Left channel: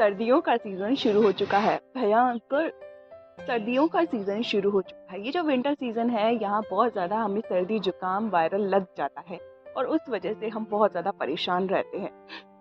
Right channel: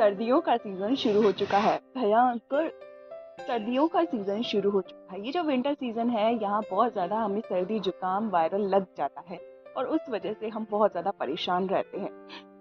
सर्दियों का सीजन शुरू हो चुका है। भयंकर सर्दियों का सीजन शुरू हो चुका है। ये जो विंटर सीजन है, यहाँ बहुत ज़्यादा हमें सर्दी जुकाम वायरल लग जाता है और उस वजह से हम बहुत ज़्यादा परेशान रहते हैं।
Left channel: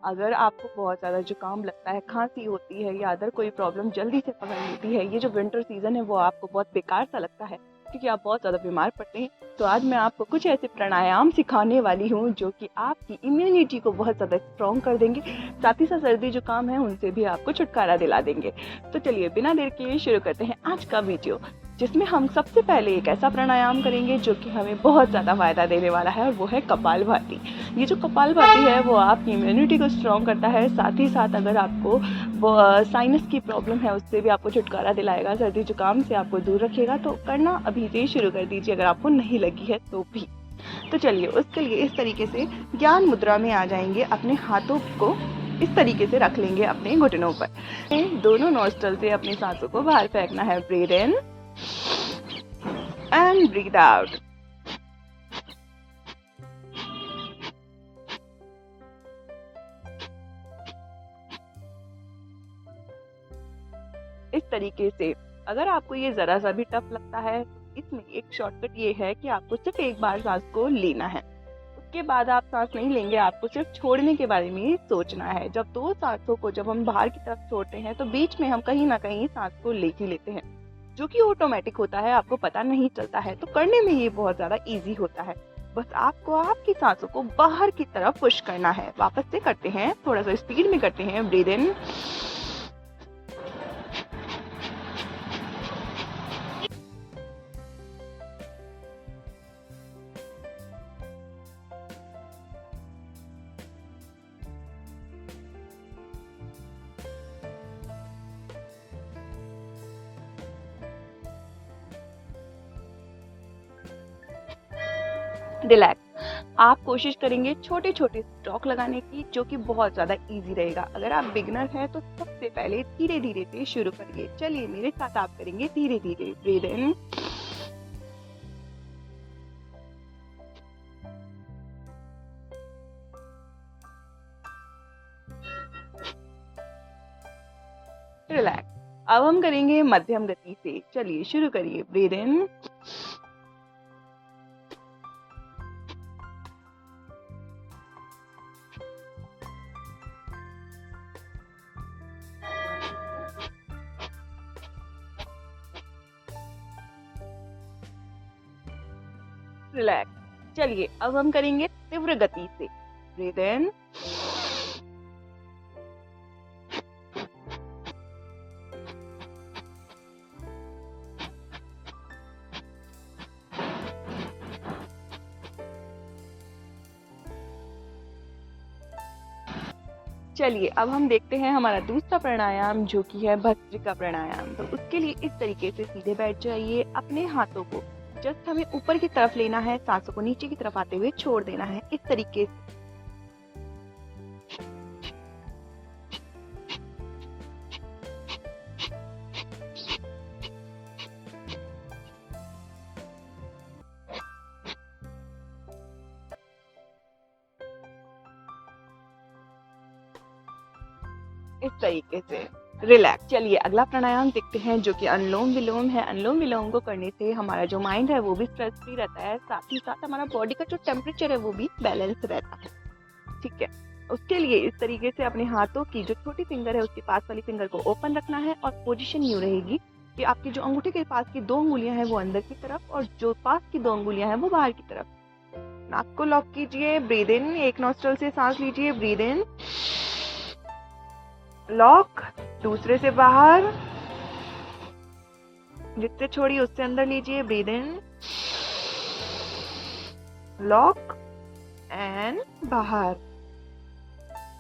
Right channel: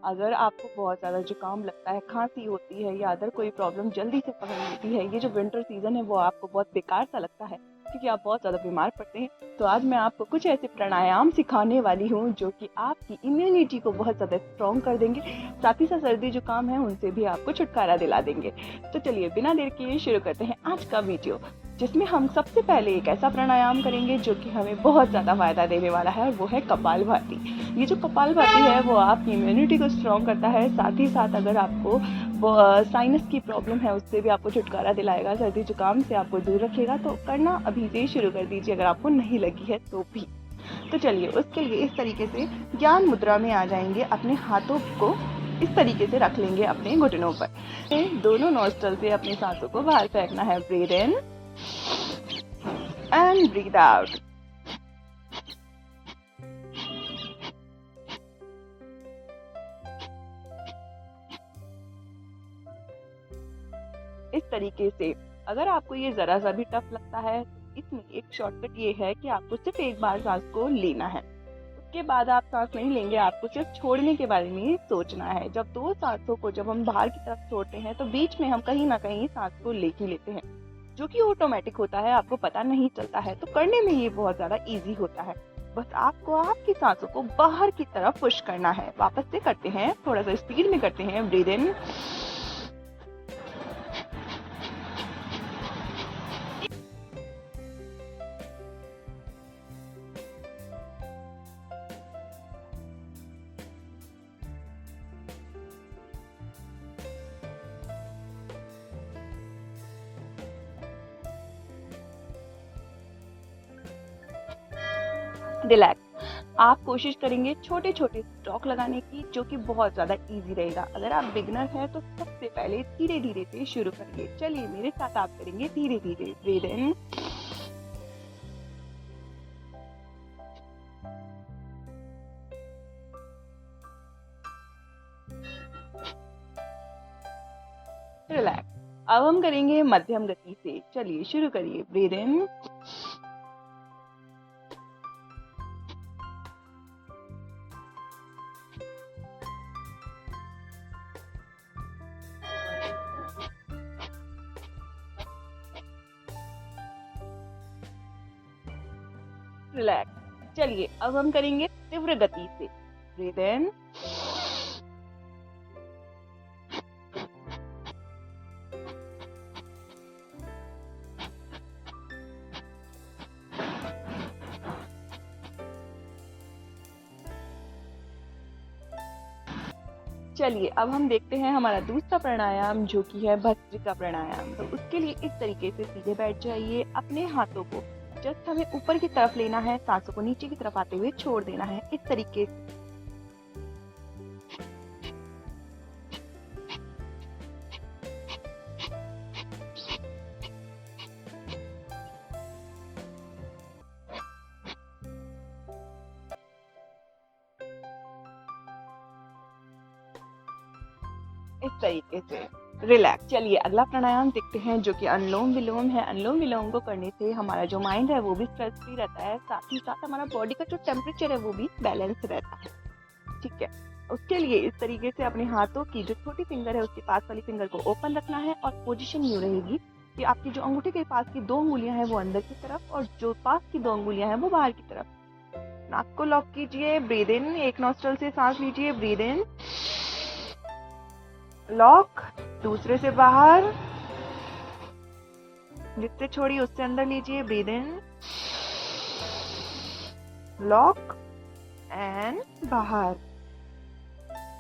अगर आपको बहुत ज़्यादा जुकाम लगता है, खांसी होती है या अदर कोई प्रॉब्लम जल्दी से पकड़ लेती है, ये जो विंटर सीजन है वो आपको बहुत बेकार सा लगता है क्योंकि आप बहुत ज़्यादा बीमार पड़ते हैं, तो आज मैं आपको कुछ ऐसे प्राणायाम सिखाने वाली हूँ जो कि आपकी इम्यूनिटी को बहुत ज़्यादा स्ट्रॉन्ग कर देंगे। साथ ही साथ सर्दी जुकाम है उनसे भी आपको छुटकारा दिला देंगे। तो चलिए बिना देर किए शुरू करते हैं आज का वीडियो, जिसमें हम सबसे पहले एक ऐसा प्राणायाम करेंगे जो कि हमें बहुत ज़्यादा फायदा देने वाला है और वो है कपालभाति। ये जो कपालभाति है वो आपकी इम्यूनिटी को स्ट्रॉन्ग करता है। साथ ही साथ अगर आपको साइनस की प्रॉब्लम है उससे भी आपको छुटकारा दिलाएगा, सर्दी जुकाम से आपको दूर रखेगा। तो करना अभी से शुरू कर दीजिए अगर आपको नहीं लगी है तो भी। तो चलिए उसके लिए इस तरीके से ज्ञान मुद्रा में आ जाएंगे। अपने हाथों को इस तरीके से रख लेंगे अपने घुटनों पर। दोनों नोस्ट्रल से अपनी सांसों को बाहर फेंकना है। Breathe in and breathe out. इस तरीके से अगर आपको ये जरा सा भी टफ लगता है, इसमें एक शॉर्टकट ये है कि आपको सिर्फ एक बार सांस को लेना है, उसके बाद आप सांस नहीं लेंगे, आपको सिर्फ छोड़ने के बारे में सोचना है। जब दो सांसों को जब हम बाहर की तरफ छोड़ते हैं तो बीच में हम कहीं ना कहीं सांस को ले ही लेते हैं, जो कि ऑटोमेटिक होता है, आपको पता नहीं चलता है। तो करने में ये बहुत ज्यादा इजी होता है। बस आपको आपकी सांसों को बाहर की तरफ पुश करना है। वापस से करते हैं, थोड़ा सा स्पीड में करते हैं। ब्रीथ इन, रिलैक्स। आप कोशिश करेंगे छोटे छोटे स्ट्रोक लगाने की, जो कि बहुत ज़्यादा इजी रहेगा। अगर आप बिगनर हैं तो सबसे पहले धीरे धीरे से शुरू करिए। चलिए मेरे साथ आप करेंगे धीरे धीरे। ब्रीथ इन, रिलैक्स। अब हम करेंगे मध्यम गति से। चलिए शुरू करिए। ब्रीथ इन, रिलैक्स। चलिए अब हम करेंगे तीव्र गति से। ब्रीथ इन, चलिए अब हम देखते हैं हमारा दूसरा प्राणायाम जो कि है भस्त्रिका प्राणायाम। तो उसके लिए इस तरीके से सीधे बैठ जाइए। अपने हाथों को जस्ट हमें ऊपर की तरफ लेना है, सांसों को नीचे की तरफ आते हुए छोड़ देना है। इस तरीके से रिलैक्स। चलिए अगला प्राणायाम देखते हैं जो कि अनुलोम विलोम है। अनुलोम विलोम को करने से हमारा जो माइंड है वो भी स्ट्रेस फ्री रहता है, साथ ही साथ हमारा बॉडी का जो टेम्परेचर है वो भी बैलेंस रहता है। ठीक है, उसके लिए इस तरीके से अपने हाथों की जो छोटी फिंगर है उसके पास वाली फिंगर को ओपन रखना है और पोजीशन यूं रहेगी कि आपकी जो अंगूठे के पास की 2 उंगलियां हैं वो अंदर की तरफ और जो पास की 2 उंगलियां हैं वो बाहर की तरफ। नाक को लॉक कीजिए। ब्रीथ इन, एक नॉस्ट्रल से सांस लीजिए। ब्रीथ इन, लॉक, दूसरे से बाहर, जिससे छोड़िए उससे अंदर लीजिए। ब्रीथ इन, लॉक एंड बाहर,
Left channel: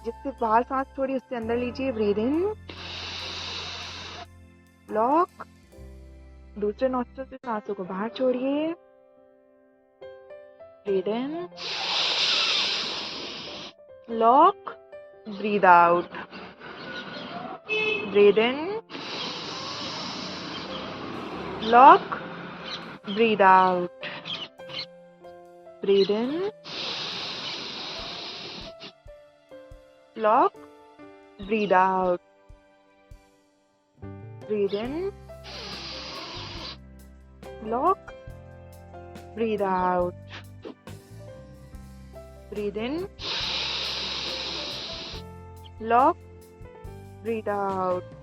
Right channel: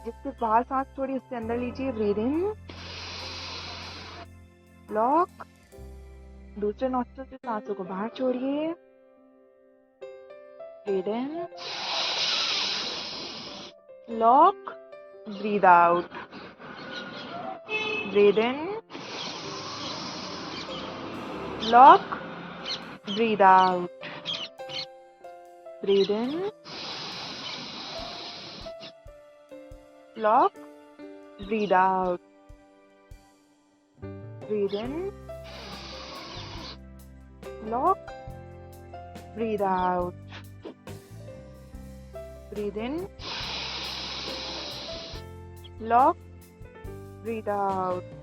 जिससे बाहर सांस छोड़िए उससे अंदर लीजिए। ब्रीथ इन, लॉक, दूसरे नॉस्ट्रल से सांसों को बाहर छोड़िए। Breathe in, lock, breathe out. Breathe in, lock, breathe out. Breathe in, lock, breathe out. breathe in, lock, breathe out, breathe in, lock, breathe out,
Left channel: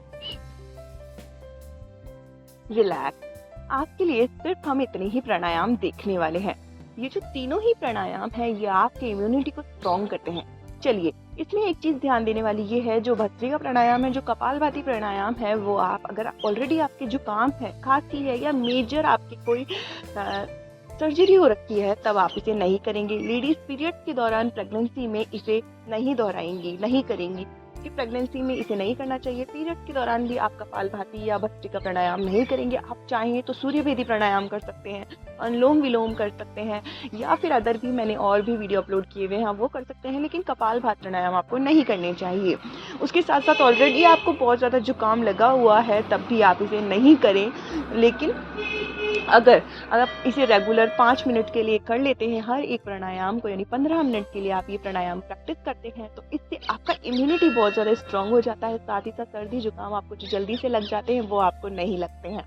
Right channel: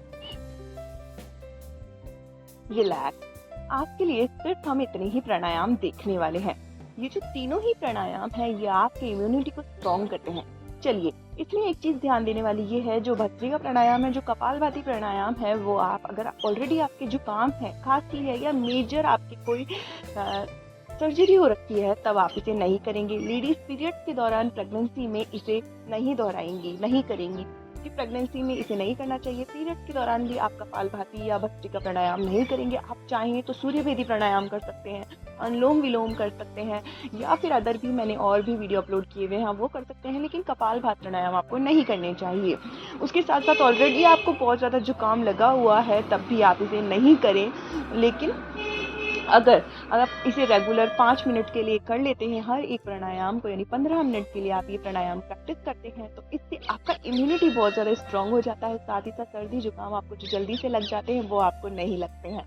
relax. आपके लिए सिर्फ हम इतने ही प्राणायाम देखने वाले हैं। ये जो तीनों ही प्राणायाम हैं ये आपके इम्यूनिटी को स्ट्रॉन्ग करते हैं। चलिए, इसमें एक चीज ध्यान देने वाली ये है, जो भस्त्रिका प्राणायाम है, जो कपालभाति प्राणायाम है, वो आप अगर ऑलरेडी आपके जुकाम है, खांसी है या मेजर आपकी कोई सर्जरी हो रखी है, तब आप इसे नहीं करेंगे। लेडीज पीरियड्स के दौरान प्रेगनेंसी में इसे नहीं दोहराएंगी, नहीं करेंगी, कि प्रेगनेंसी में इसे नहीं करना चाहिए। पीरियड्स के दौरान भी आप कपालभाति या भस्त्रिका प्राणायाम नहीं करेंगे। आप चाहें तो सूर्यभेदी प्राणायाम कर सकते हैं, अनुलोम विलोम कर सकते हैं, या फिर अदर भी मैंने और भी वीडियो अपलोड किए हुए हैं, वो कर सकते हैं, लेकिन कपालभाति प्राणायाम आपको नहीं करने चाहिए। उसके साथ साथ ऑलरेडी आपको बहुत ज़्यादा जुकाम लगा हुआ है, तब भी आप इसे नहीं करें। लेकिन अगर आप इसे रेगुलर 5 मिनट के लिए कर लेते हैं हर एक प्राणायाम को, यानी 15 मिनट के लिए आप ये प्राणायाम प्रैक्टिस करते हैं, तो इससे आपका इम्यूनिटी बहुत ज़्यादा स्ट्रांग हो जाता है। साथ ही साथ सर्दी जुकाम आपको जो जल्दी से लग जाते हैं वो आपको नहीं लगते हैं।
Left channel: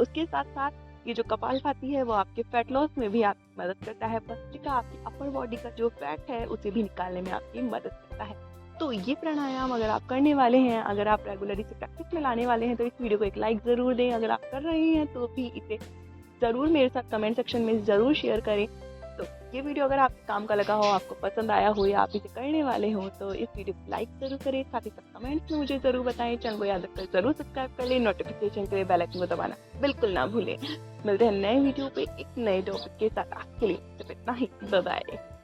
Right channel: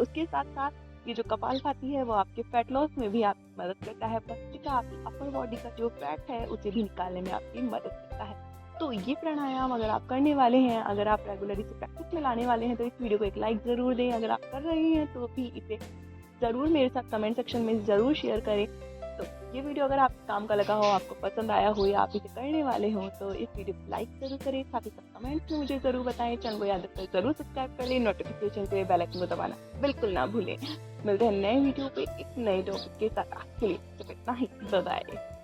उसके साथ साथ ये जो कपालभाति है वो आपके फैट लॉस में भी आपकी मदद करता है। भस्त्रिका आपकी अपर बॉडी का जो फैट है उसे भी निकालने में आपकी मदद करता है। तो ये प्राणायाम अगर आप करने वाले हैं, अगर आप रेगुलर इसे प्रैक्टिस में लाने वाले हैं, तो इस वीडियो को एक लाइक ज़रूर दें। अगर आप कर रहे हैं तो भी इसे ज़रूर मेरे साथ कमेंट सेक्शन में ज़रूर शेयर करें। तो ये वीडियो अगर आपके काम का लगा हो, आपको पसंद आया हो या आप इसे करने वाले हो, तो इस वीडियो को लाइक ज़रूर करें। साथ ही साथ कमेंट्स में मुझे ज़रूर बताएं। चैनल को याद रखकर ज़रूर सब्सक्राइब कर लें। नोटिफिकेशन के लिए बेल आइकन को दबाना बिल्कुल ना भूलें। मिलते हैं नए वीडियो पे एक नए टॉपिक के साथ। आज के लिए सिर्फ इतना ही। Bye bye.